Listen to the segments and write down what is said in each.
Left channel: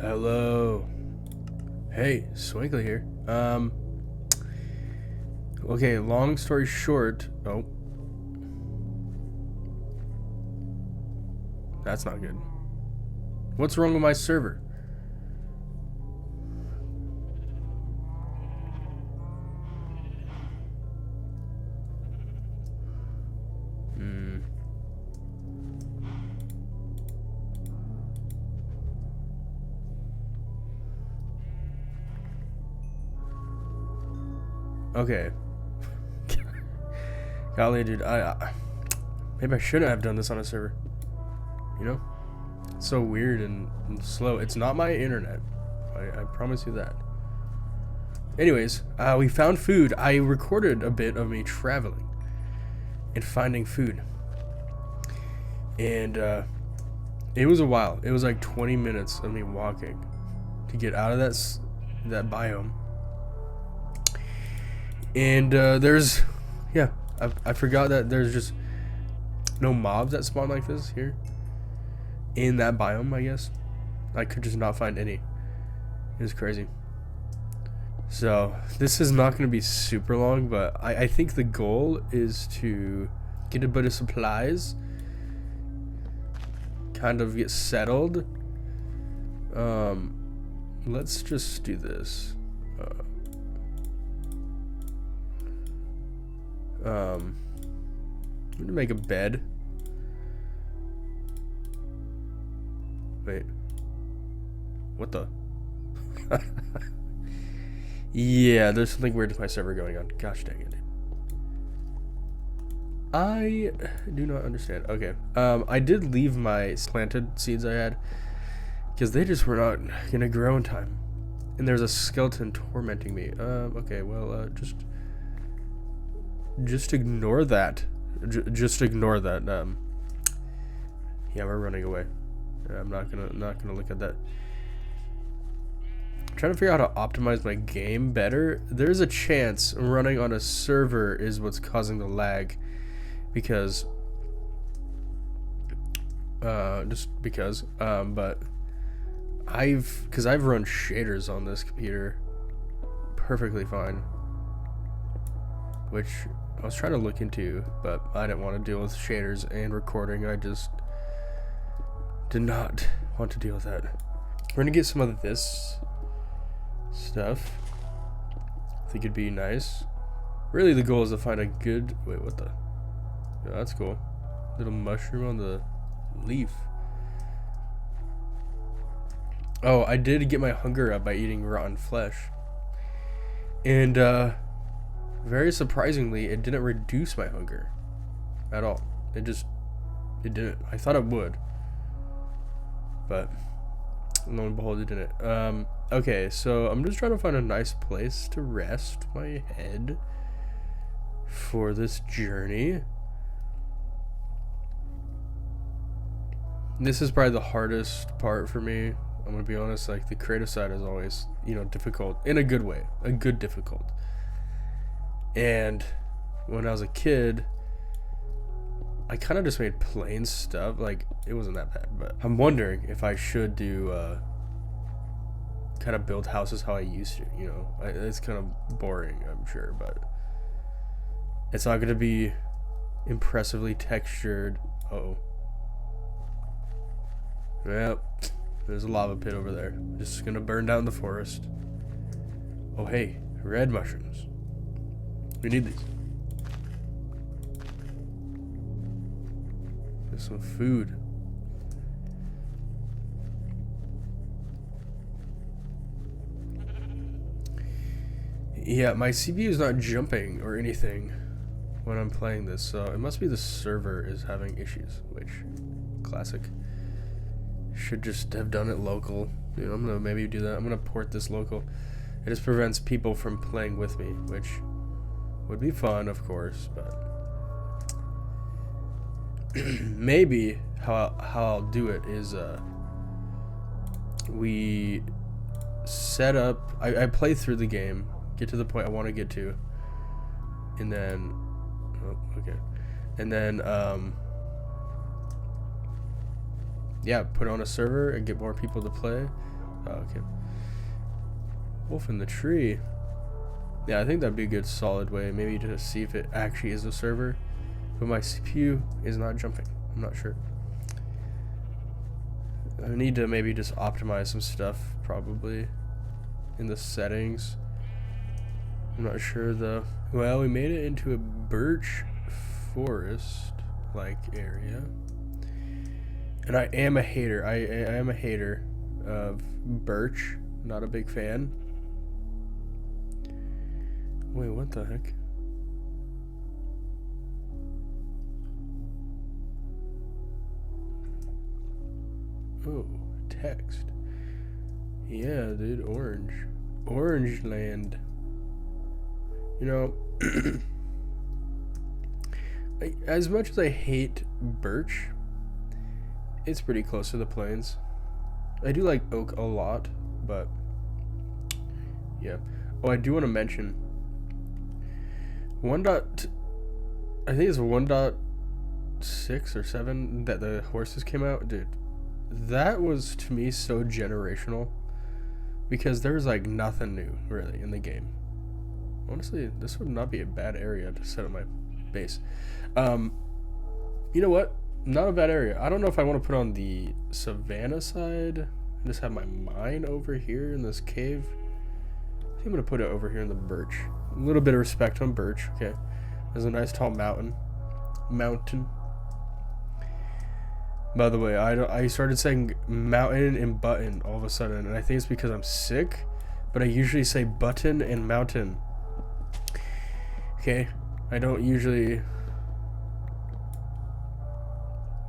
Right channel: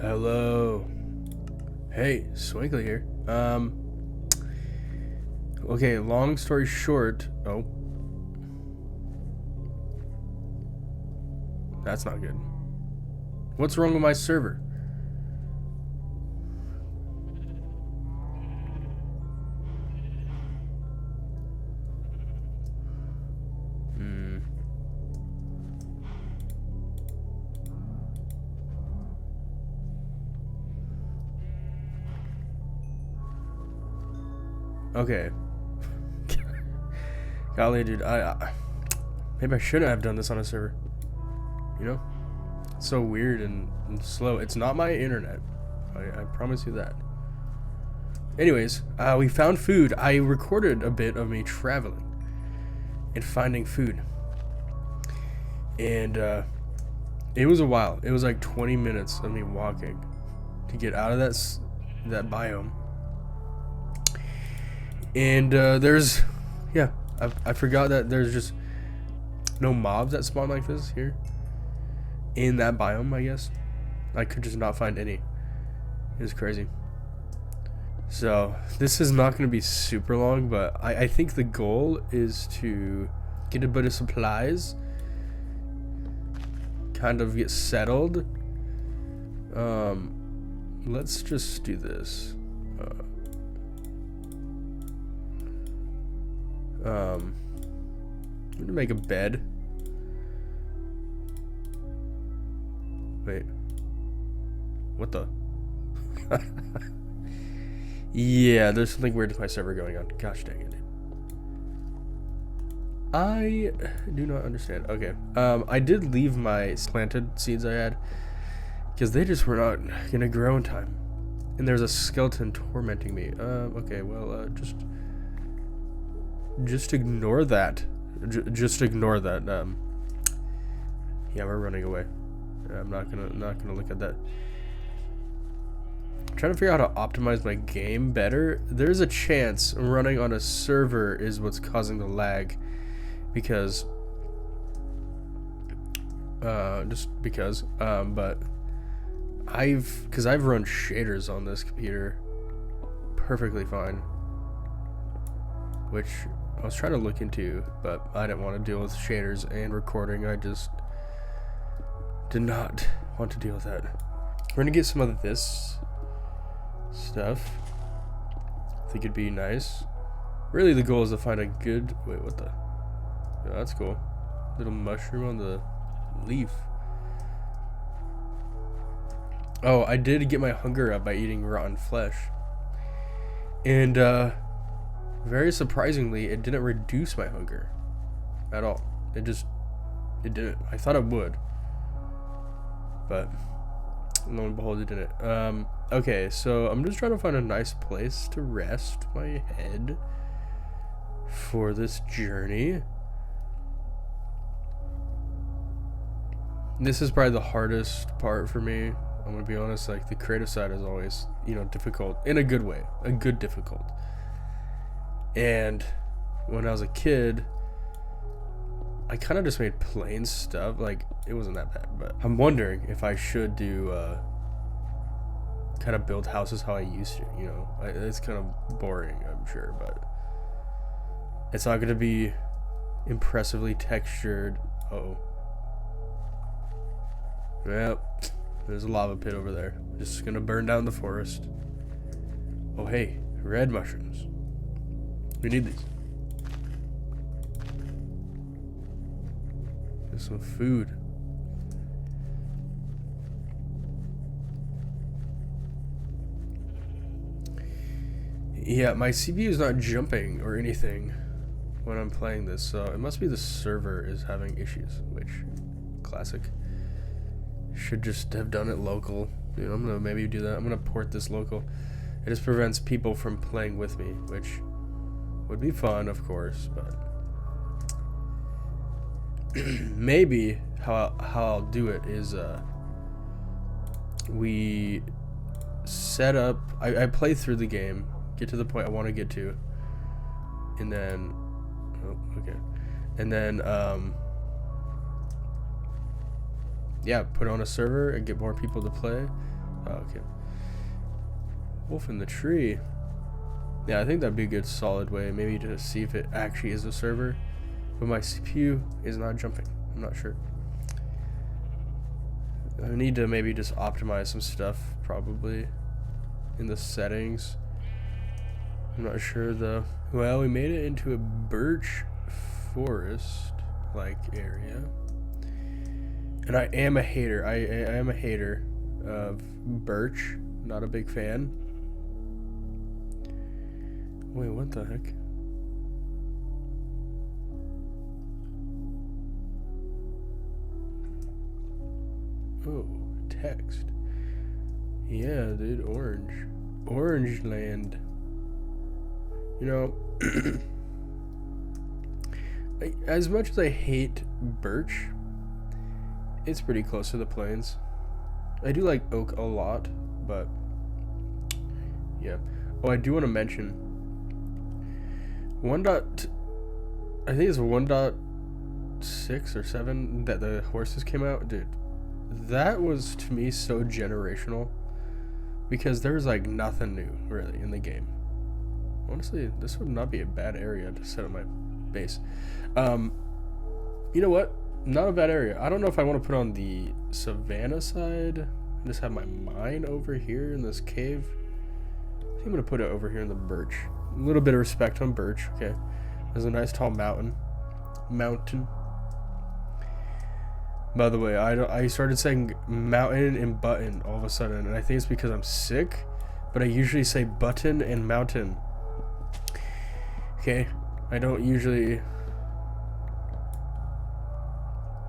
Hello. Hey, Swinkly here. Okay, long story short. Oh. That's not good. What's wrong with my server? Okay. Golly, dude, maybe I shouldn't have done this on a server. You know? It's so weird and slow. It's not my internet. I promise you that. Anyways, we found food. I recorded a bit of me traveling and finding food. And it was a while. It was like 20 minutes of me walking to get out of that biome. And I forgot that there's just no mobs that spawn like this here in that biome, I guess. I could just not find any. It was crazy. So this is not going to be super long, but I think the goal is to get a bit of supplies, kind of get settled. Let's just do this. I'm gonna make a bed. Wait. What the? Yeah, there's something weird with my server going on. Gosh dang it. I do not understand. Okay. I did leave my planted seeds I had because they just were not gonna grow in time. And there's a skeleton tormenting me. Okay, well, just ignore that. Just ignore that. Yeah, we're running away. I'm not gonna look at that. I'm trying to figure out how to optimize my game better. There's a chance running on a server is what's causing the lag, because just because. But I've run shaders on this computer perfectly fine, which I was trying to look into, but I didn't want to deal with shaders and recording. I just did not want to deal with that. We're gonna get some of this stuff. I think it'd be nice. Really, the goal is to find a good... Wait, what the... Yeah, that's cool. Little mushroom on the leaf. Oh, I did get my hunger up by eating rotten flesh. And, very surprisingly, it didn't reduce my hunger at all. It didn't. I thought it would, but lo and behold, it didn't. Okay, so I'm just trying to find a nice place to rest my head for this journey. This is probably the hardest part for me. I'm gonna be honest. Like, the creative side is always, difficult in a good way, a good difficult. And when I was a kid, I kind of just made plain stuff. Like, it wasn't that bad, but I'm wondering if I should do kind of build houses how I used to. It's kind of boring, I'm sure, but it's not going to be impressively textured. Uh-oh. Well, there's a lava pit over there. Just going to burn down the forest. Oh, hey, red mushrooms. We need these. There's some food. Yeah, my CPU is not jumping or anything when I'm playing this, so it must be the server is having issues, which, classic. Should just have done it local. I'm gonna maybe do that. I'm gonna port this local. It just prevents people from playing with me, which would be fun, of course, but maybe how I'll do it is we set up. I play through the game, get to the point I want to get to, and then yeah, put on a server and get more people to play. Oh, okay. Wolf in the tree. Yeah, I think that'd be a good solid way. Maybe to see if it actually is a server. But my CPU is not jumping. I'm not sure. I need to maybe just optimize some stuff, probably, in the settings. I'm not sure though. Well, we made it into a birch forest-like area. And I am a hater. I am a hater of birch. Not a big fan. Wait, what the heck? Oh, text. Yeah, dude, orange. Orange land. You know, as much as I hate birch, it's pretty close to the plains. I do like oak a lot, but yeah. Oh, I do want to mention I think it's 1.6 or 7 that the horses came out. Dude, that was to me so generational because there was like nothing new really in the game. Honestly, this would not be a bad area to set up my base. You know what? Not a bad area. I don't know if I want to put on the savannah side and just have my mine over here in this cave. I think I'm going to put it over here in the birch. A little bit of respect on birch, okay? There's a nice tall mountain. By the way, I started saying mountain and button all of a sudden, and I think it's because I'm sick, but I usually say button and mountain. Okay, I don't usually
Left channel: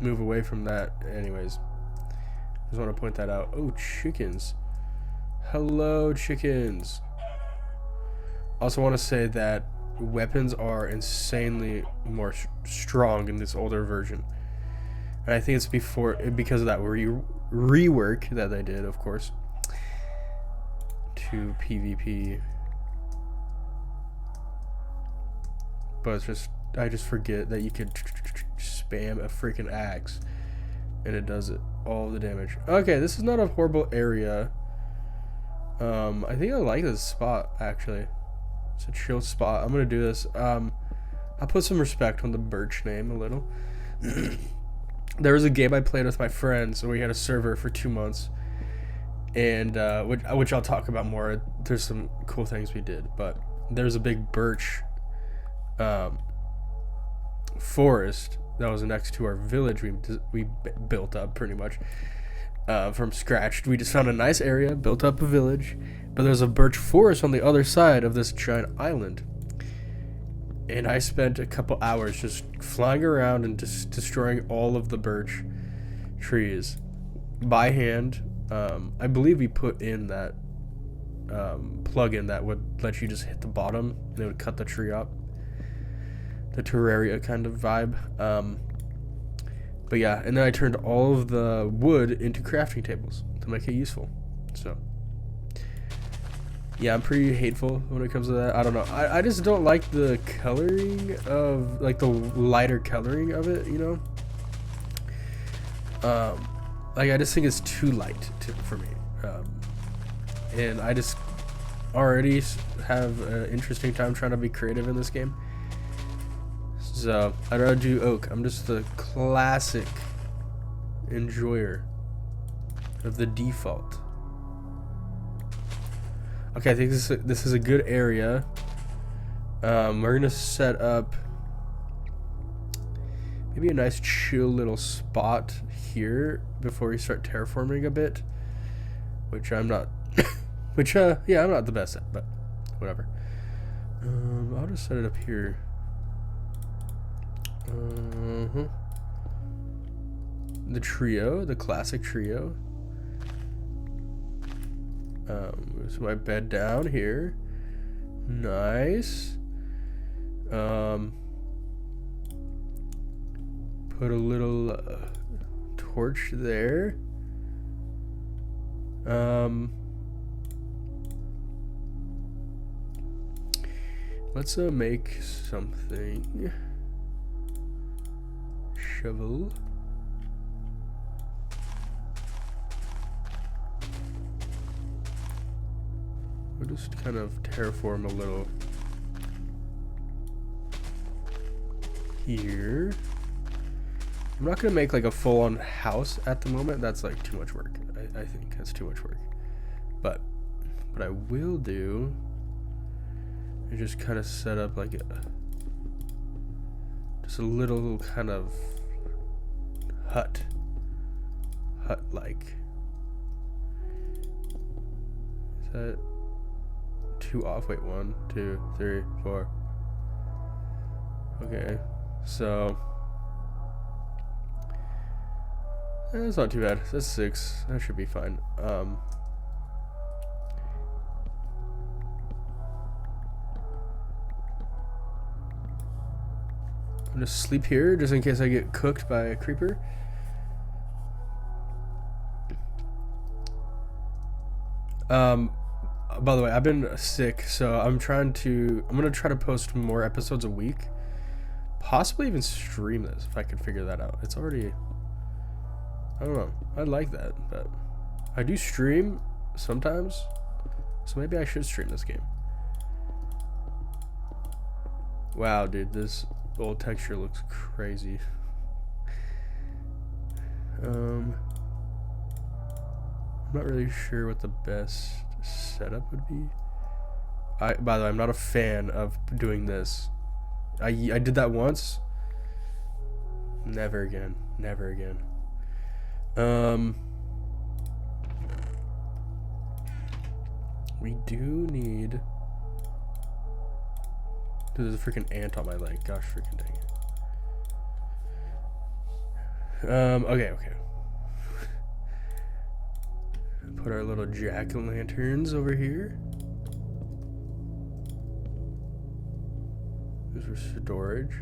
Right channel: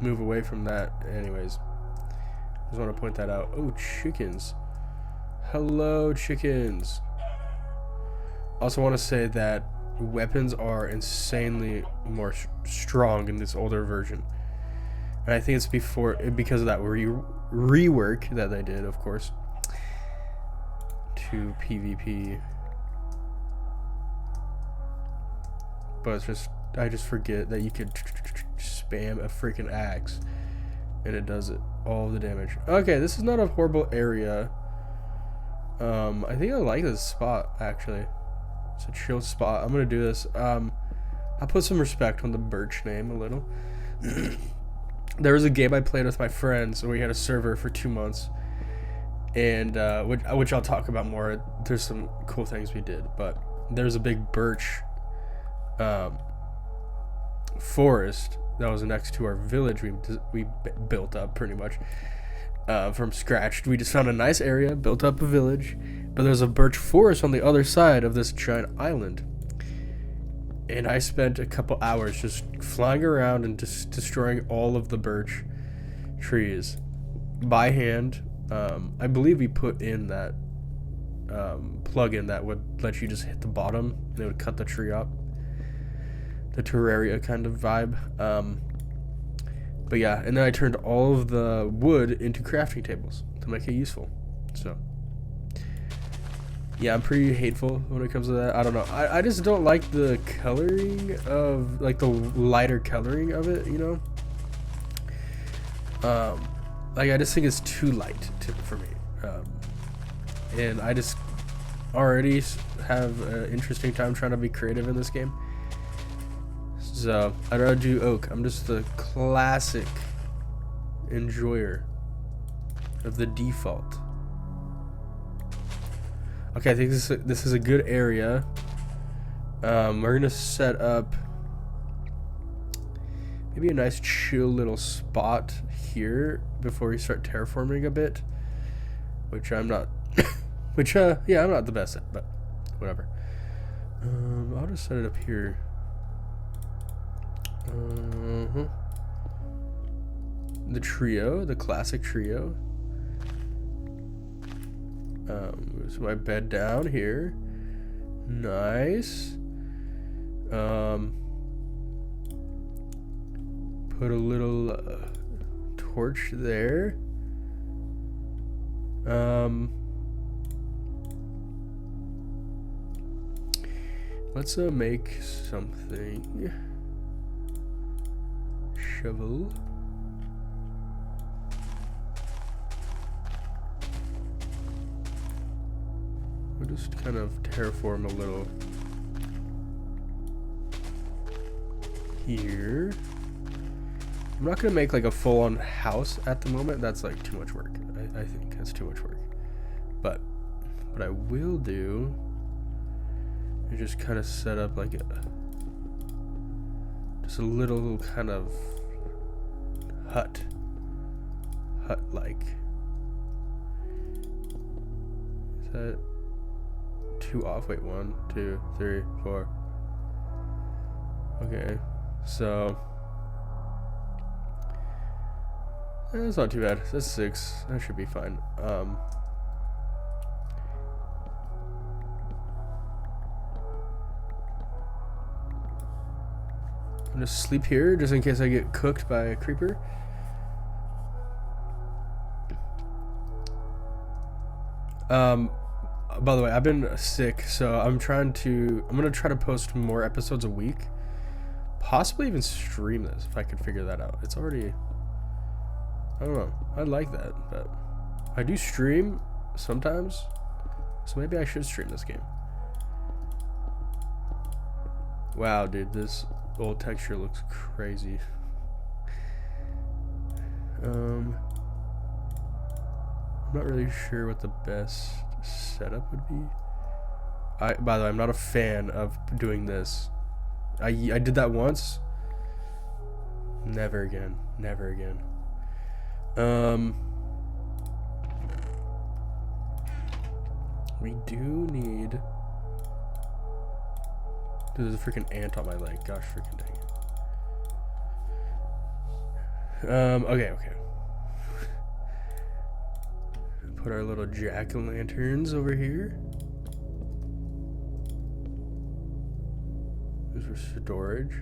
move away from that. Anyways, just want to point that out. Oh, chickens. Hello, chickens. Also want to say that weapons are insanely more strong in this older version. And I think it's because of that rework that they did, of course, to PvP. But it's just, I just forget that you could spam a freaking axe and it does it all the damage. Okay, this is not a horrible area. I think I like this spot actually. It's a chill spot. I'm gonna do this. I'll put some respect on the birch name a little. There was a game I played with my friends and we had a server for 2 months, and which I'll talk about more. There's some cool things we did, but there's a big birch forest that was next to our village we built up pretty much from scratch. We just found a nice area, built up a village, but there's a birch forest on the other side of this giant island. And I spent a couple hours just flying around and just destroying all of the birch trees by hand. I believe we put in that plugin that would let you just hit the bottom and it would cut the tree up. The Terraria kind of vibe. But yeah, and then I turned all of the wood into crafting tables to make it useful. So yeah, I'm pretty hateful when it comes to that. I don't know. I just don't like the coloring of, like, the lighter coloring of it, you know? Like, I just think it's too light for me. And I just already have an interesting time trying to be creative in this game. So, I'd rather do oak. I'm just the classic enjoyer of the default. Okay, I think this is a good area. We're gonna set up maybe a nice chill little spot here before we start terraforming a bit, which I'm not. Yeah, I'm not the best at, but whatever. I'll just set it up here. The trio, the classic trio. So my bed down here. Nice. Put a little torch there. Let's make something. Shovel. we'll just kind of terraform a little here. I'm not gonna make like a full-on house at the moment. That's like too much work. I think that's too much work. But what I will do is just kind of set up like just a little kind of hut-like. Is that 2 off? Wait, 1, 2, 3, 4. Okay, so that's not too bad. That's 6. That should be fine. I'm gonna sleep here just in case I get cooked by a creeper. By the way, I've been sick, so I'm gonna try to post more episodes a week. Possibly even stream this if I could figure that out. It's already, I don't know. I like that, but I do stream sometimes, so maybe I should stream this game. Wow, dude, this old texture looks crazy. I'm not really sure what the best setup would be. By the way, I'm not a fan of doing this. I did that once. Never again. Never again. We do need. Dude, there's a freaking ant on my leg. Gosh, freaking dang it. Okay. Put our little jack-o'-lanterns over here. This is for storage.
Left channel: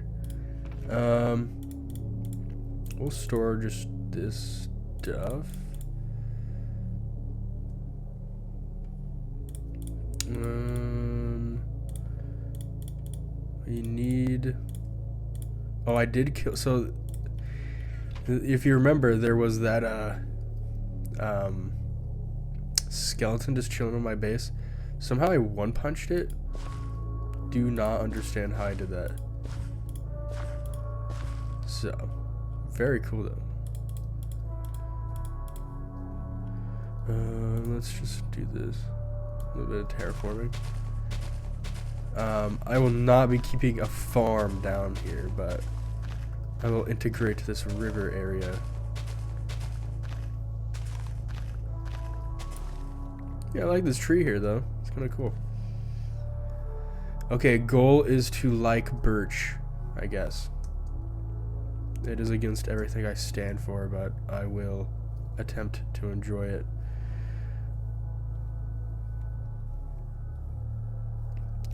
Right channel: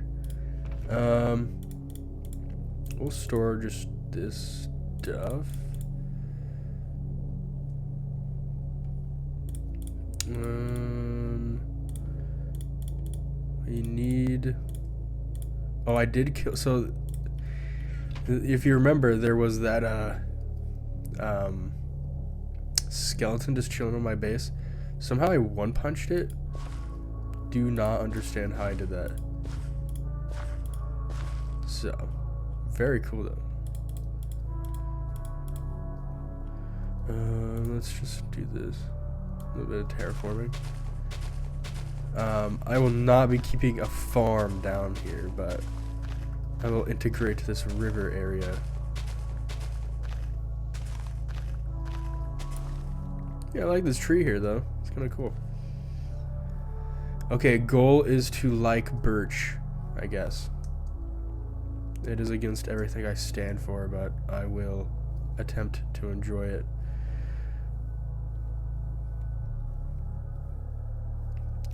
We'll store just this stuff. We need. Oh, I did kill. So, if you remember, there was that skeleton just chilling on my base. Somehow I one-punched it. Do not understand how I did that. So, very cool though. Let's just do this. A little bit of terraforming. I will not be keeping a farm down here, but I will integrate this river area. Yeah, I like this tree here though. It's kind of cool. Okay, goal is to like birch, I guess. It is against everything I stand for, but I will attempt to enjoy it.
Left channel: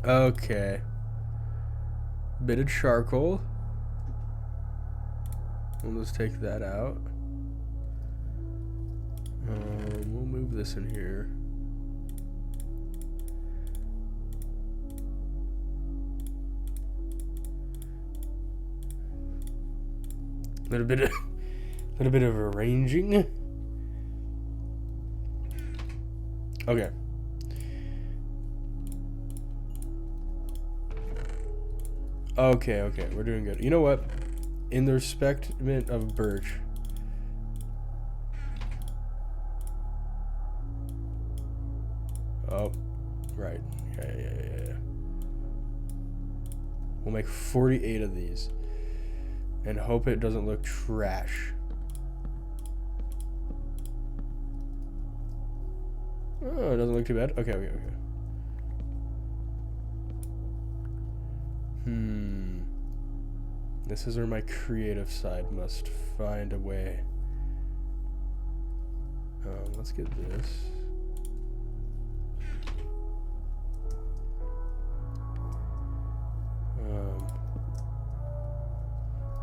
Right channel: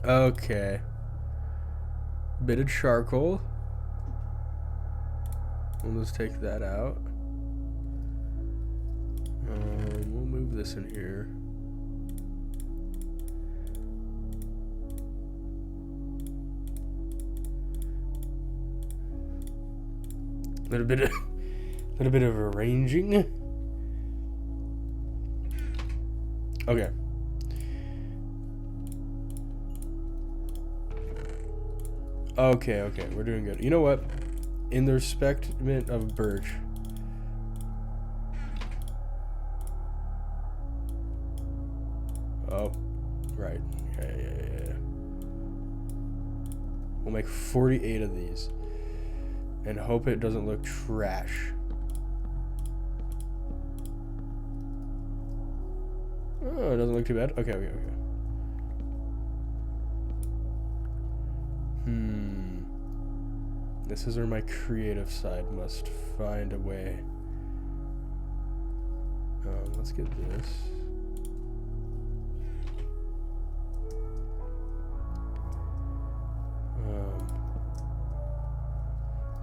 Okay. Bit of charcoal. We'll just take that out. We'll move this in here. Little bit of arranging. Okay. Okay, we're doing good. You know what? In the respectment of birch. Oh, right. Yeah. We'll make 48 of these. And hope it doesn't look trash. Oh, it doesn't look too bad. Okay. This is where my creative side must find a way. Let's get this.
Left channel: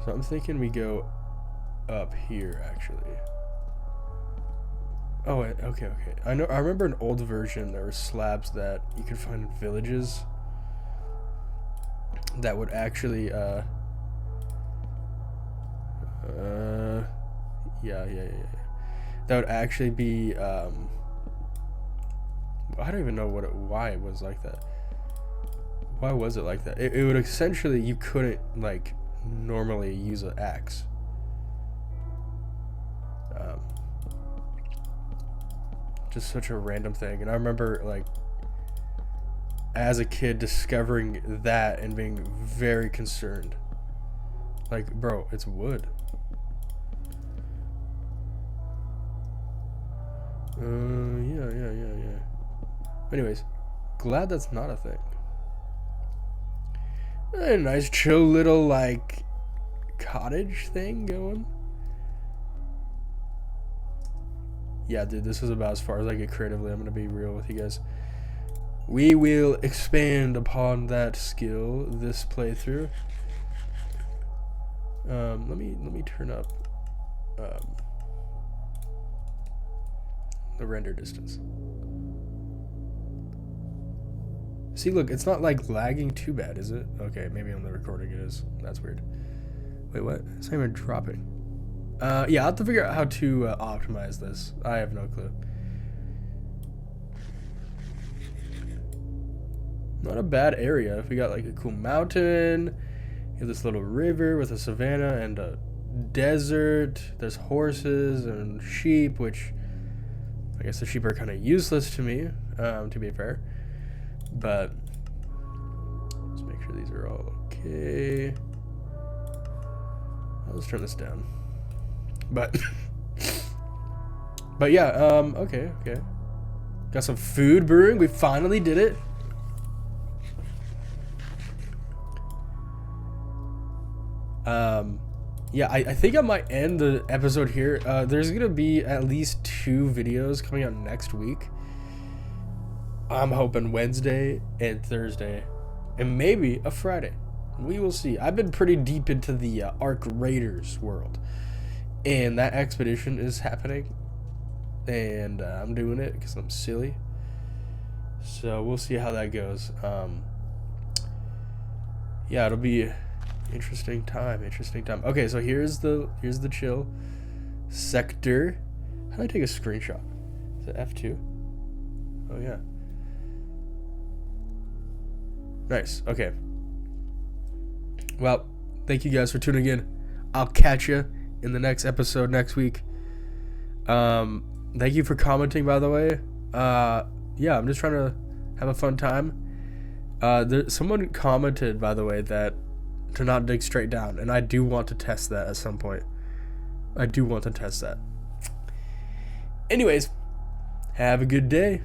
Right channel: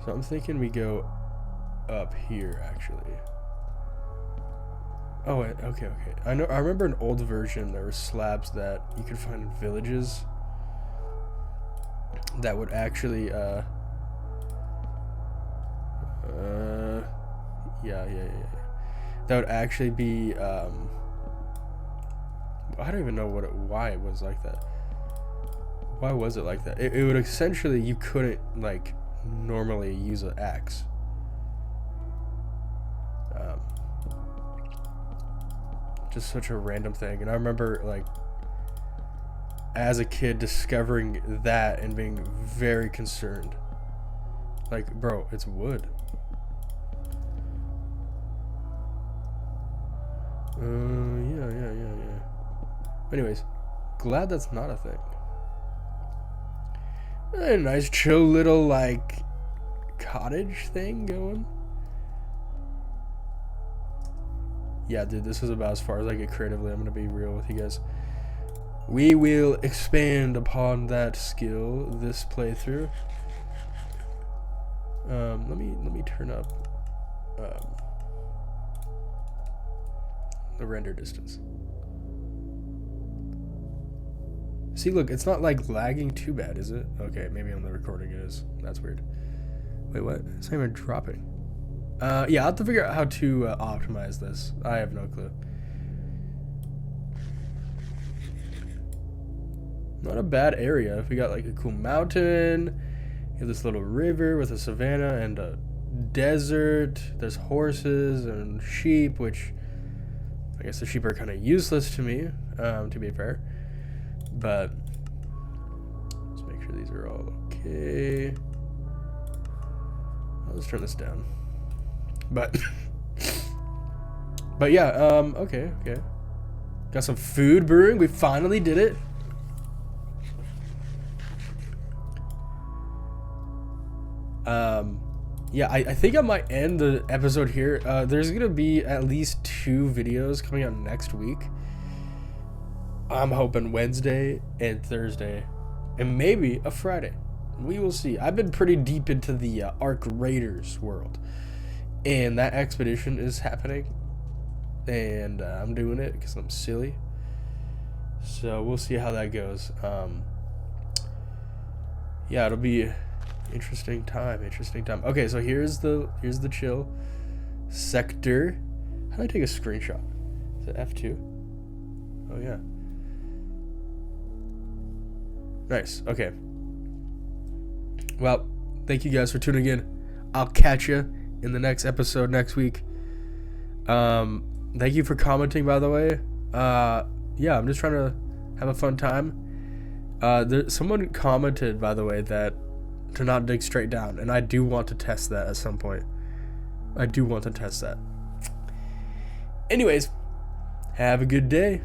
So I'm thinking we go up here, actually. Oh, wait, okay. I remember an old version, there were slabs that you could find in villages that would actually, yeah. That would actually be, I don't even know why it was like that. Why was it like that? It would essentially, you couldn't like normally use an axe. Just such a random thing. And I remember like as a kid discovering that and being very concerned. Like, bro, it's wood. Yeah. Anyways, glad that's not a thing. A nice chill little like cottage thing going. Yeah, dude, this is about as far as I get creatively. I'm gonna be real with you guys. We will expand upon that skill this playthrough. Let me turn up the render distance. See, look, it's not like lagging too bad, is it? Okay, maybe on the recording it is. That's weird. Wait, what? It's not even dropping. Yeah, I'll have to figure out how to optimize this. I have no clue. Not a bad area. We got like a cool mountain. You have this little river with a savanna and a desert. There's horses and sheep, which I guess the sheep are kind of useless to me, to be fair. But let's make sure these are all okay. Let's turn this down. But yeah, okay. Got some food brewing. We finally did it. Yeah, I think I might end the episode here. There's gonna be at least 2 videos coming out next week. I'm hoping Wednesday and Thursday, and maybe a Friday. We will see. I've been pretty deep into the Ark Raiders world, and that expedition is happening, and I'm doing it because I'm silly. So we'll see how that goes. Yeah, it'll be interesting time. Okay, so here's the chill sector. How do I take a screenshot? Is it F2? Oh yeah. Nice. Okay. Well, thank you guys for tuning in. I'll catch you in the next episode next week. Thank you for commenting, by the way. Yeah, I'm just trying to have a fun time. Someone commented, by the way, that to not dig straight down, and I do want to test that at some point. Anyways, have a good day.